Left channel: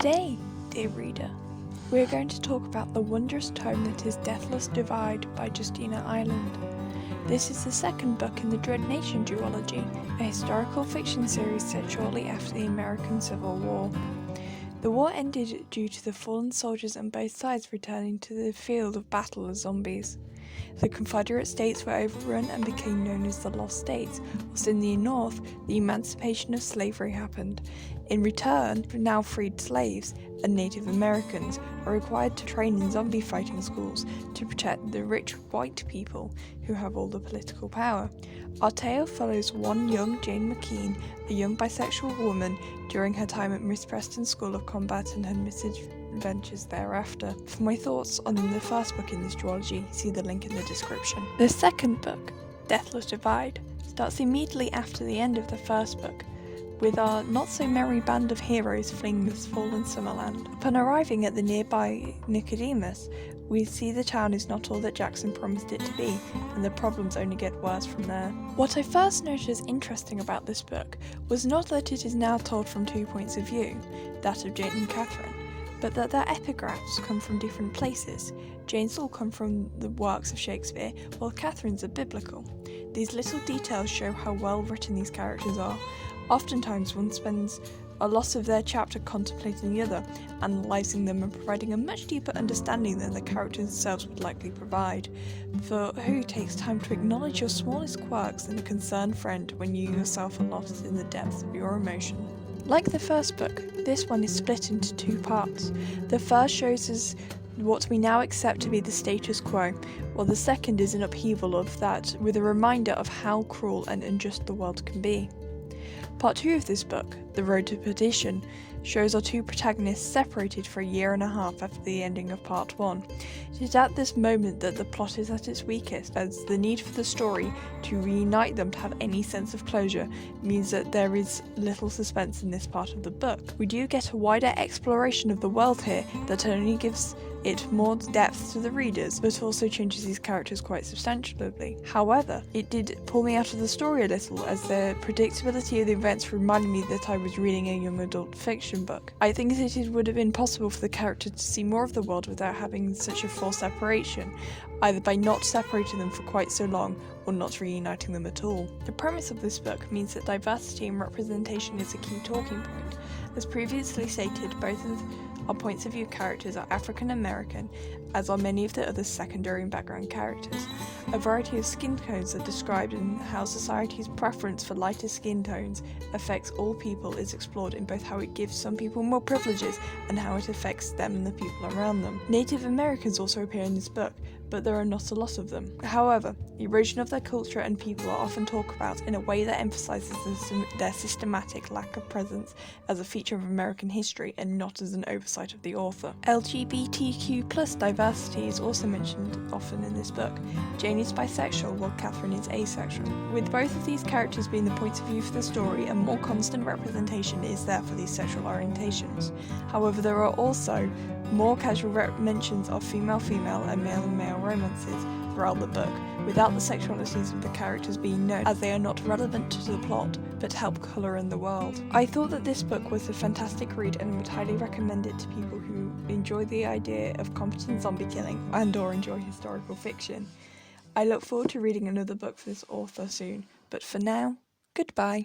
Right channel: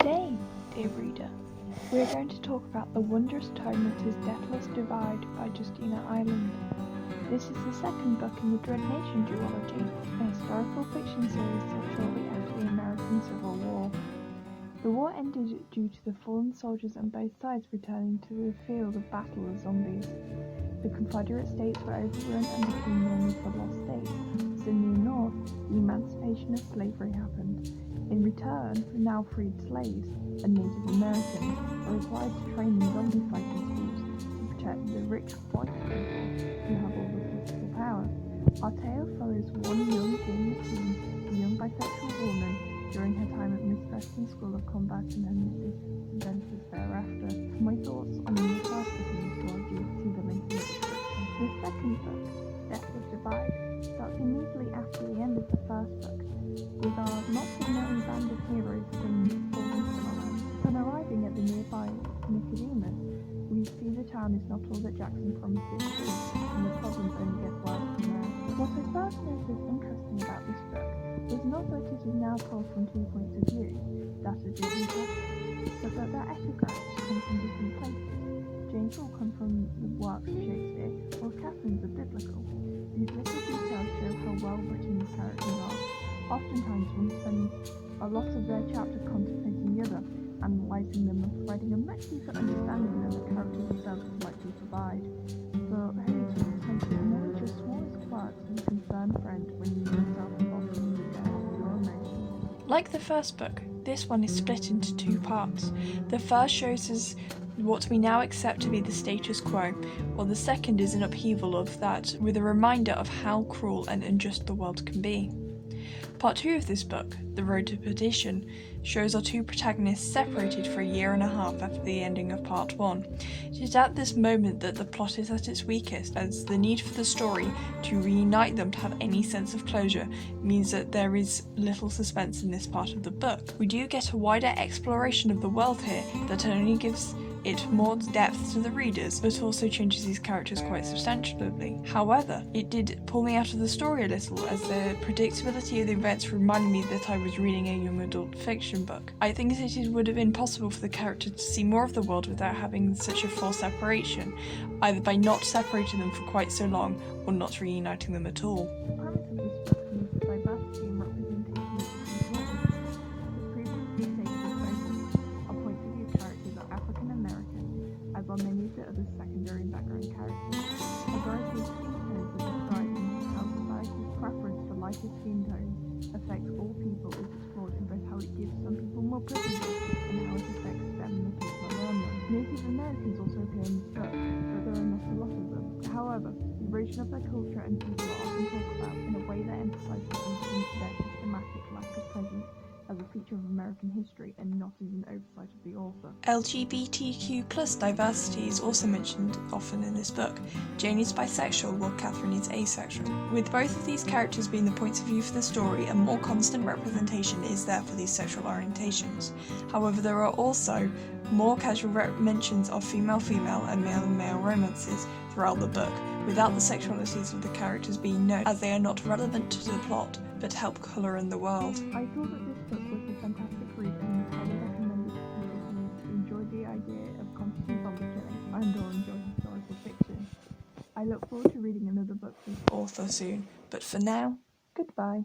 Today, dear reader, we are going to talk about the wondrous tome that is Deathless Divide by Justina Ireland. This is the second book in the Dread Nation duology, a historical fiction series set shortly after the American Civil War. The war ended due to the fallen soldiers on both sides returning to the field of battle as zombies. The Confederate States were overrun and became known as the Lost States, whilst in the North, the emancipation of slavery happened. In return, now freed slaves and Native Americans are required to train in zombie fighting schools to protect the rich white people who have all the political power. Our tale follows one young Jane McKean, a young bisexual woman, during her time at Miss Preston's School of Combat and her misadventures thereafter. For my thoughts on the first book in this trilogy, see the link in the description. The second book, Deathless Divide, starts immediately after the end of the first book, with our not-so-merry band of heroes fleeing this fallen Summerland. Upon arriving at the nearby Nicodemus, we see the town is not all that Jackson promised it to be, and the problems only get worse from there. What I first noted as interesting about this book was not that it is now told from two points of view, that of Jane and Catherine, but that their epigraphs come from different places. Jane's all come from the works of Shakespeare, while Catherine's are biblical. These little details show how well written these characters are. Oftentimes one spends a lot of their chapter contemplating the other, analysing them and providing a much deeper understanding than the characters themselves would likely provide. For who takes time to acknowledge your smallest quirks and a concerned friend when you yourself are lost in the depths of your emotion? Like the first book, this one is split into two parts. The first shows us what we now accept to be the status quo, while the second is an upheaval of that, with a reminder of how cruel and unjust the world can be. Part 2 of this book, The Road to Perdition, shows our two protagonists separated for a year and a half after the ending of Part 1. It is at this moment that the plot is at its weakest, as the need for the story to reunite them to have any sense of closure means that there is little suspense in this part of the book. We do get a wider exploration of the world here that only gives it more depth to the readers, but also changes these characters quite substantially. However, it did pull me out of the story a little, as the predictability of the events reminded me that I was reading a young adult fiction book. I think that it would have been possible for the character to see more of the world without having such a forced separation, either by not separating them for quite so long, or not reuniting them at all. The premise of this book means that diversity and representation is a key talking point. As previously stated, both of our points of view characters are African American, as are many of the other secondary and background characters. A variety of skin tones are described, and how society's preference for lighter skin tones affects all people is explored in both how it gives some people more privileges and how it affects them and the people around them. Native Americans also appear in this book, but there are not a lot of them. However, erosion of their culture and people are often talked about in a way that emphasises their systematic lack of presence as a feature of American history and not as an oversight of the author. LGBTQ+ diversity is also mentioned often in this book. Jane is bisexual while Catherine is asexual. With both of these characters being the points of view for the story, a more constant representation is there for these sexual orientations. However, there are also more casual mentions of female-female and male-male romances throughout the book, without the sexualities of the characters being known, as they are not relevant to the plot, but help colour in the world. I thought that this book was a fantastic read and would highly recommend it to people who enjoy the idea of competent zombie killing and or enjoy historical fiction. I look forward to reading another book for this author soon, but for now, goodbye.